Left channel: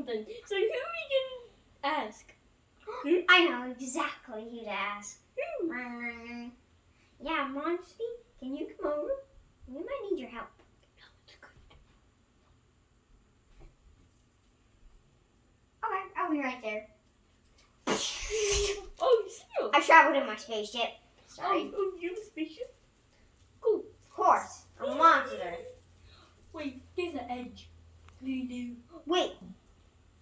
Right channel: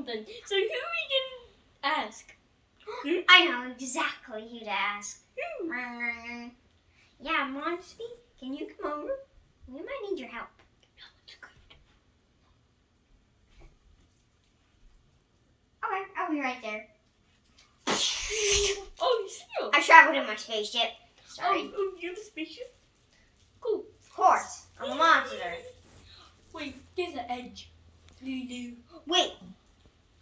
something. So who we can ask? I know exactly who to ask. Who? Yeah, Monsty, can you come over? We might need your help. Okay, I'll be right there. Oh, you still? I traveled in my spaceship. Sorry. Oh, you have a spaceship? Cool. Of course, I'm a monster. Wait, there's an edge. Lulu. Wait,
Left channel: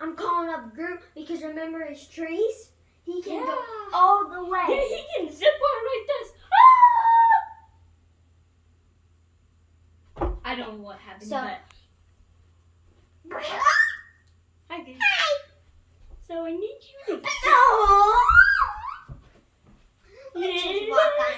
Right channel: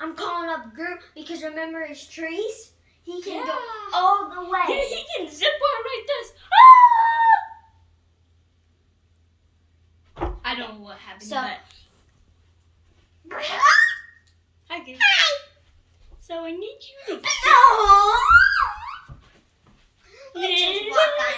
I'm calling up Groot because remember his trees? He can go Yeah. all the way. Yeah, he can zip on like this. Ah! I don't know what happened, So- but hi guys. So I need you to No! Yeah. Just walk on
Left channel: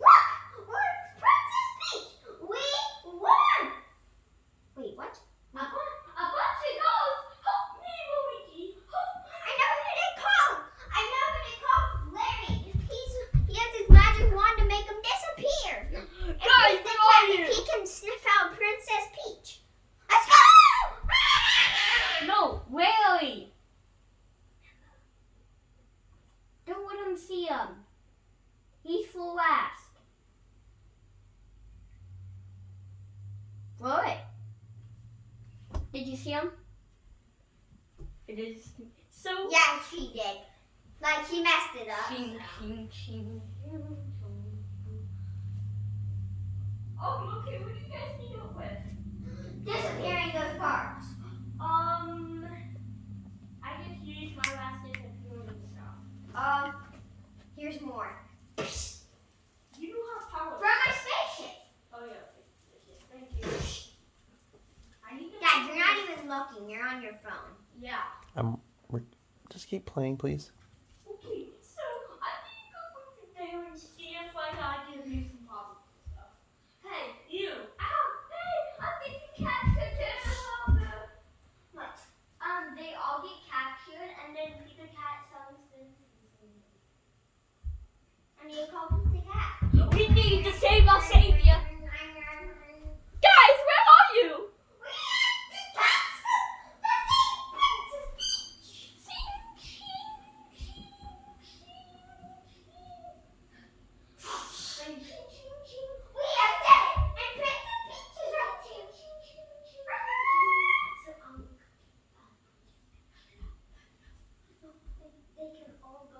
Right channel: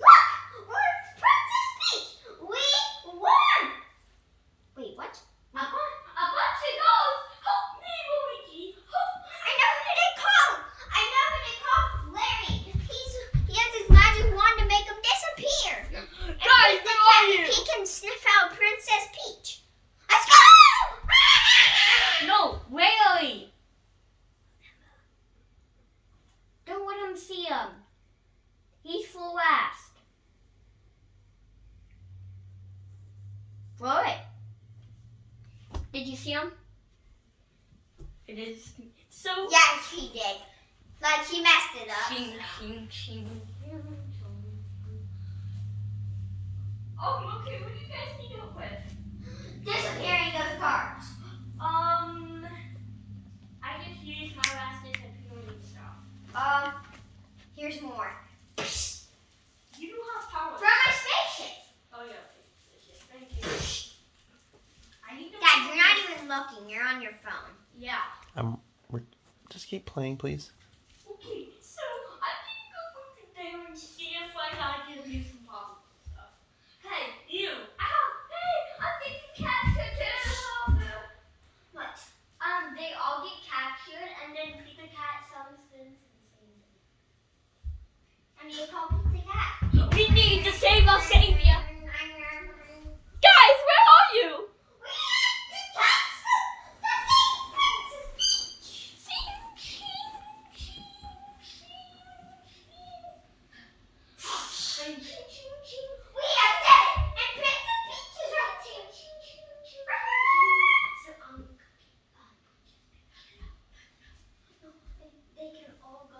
Look! We're Princess Peach! We won! Wait, what? A bunch of goals. Help me, Luigi. Help me. I know who they call! Larry! He has his magic wand to make him disappear! Guys, where are you? He can sniff out Princess Peach. Let's go! No, really. Don't let him see him. He's full last. What? Did you see him? It is so. Yes, he did. Like, he messed it up. Shing, shing, shing. Oh, okay. What do you guys need help with? Disappearing those parts. I just used my last disappearing stuff. Here's more. You don't have power. From my spaceship. Oh yeah. Thank you. I need to. Dad, you're not even looking. You're on your phone. Yeah. Just keep playing, please. Okay, so I need to go there and see if I can use some problem stuff. Hey, you! Ow! Hey, I'm getting captured too! What? They all get captured, and then Pizza Cat summons them to the same thing. And you call Pizza Cat. We need to save our savior! Guys, where are you? They can all go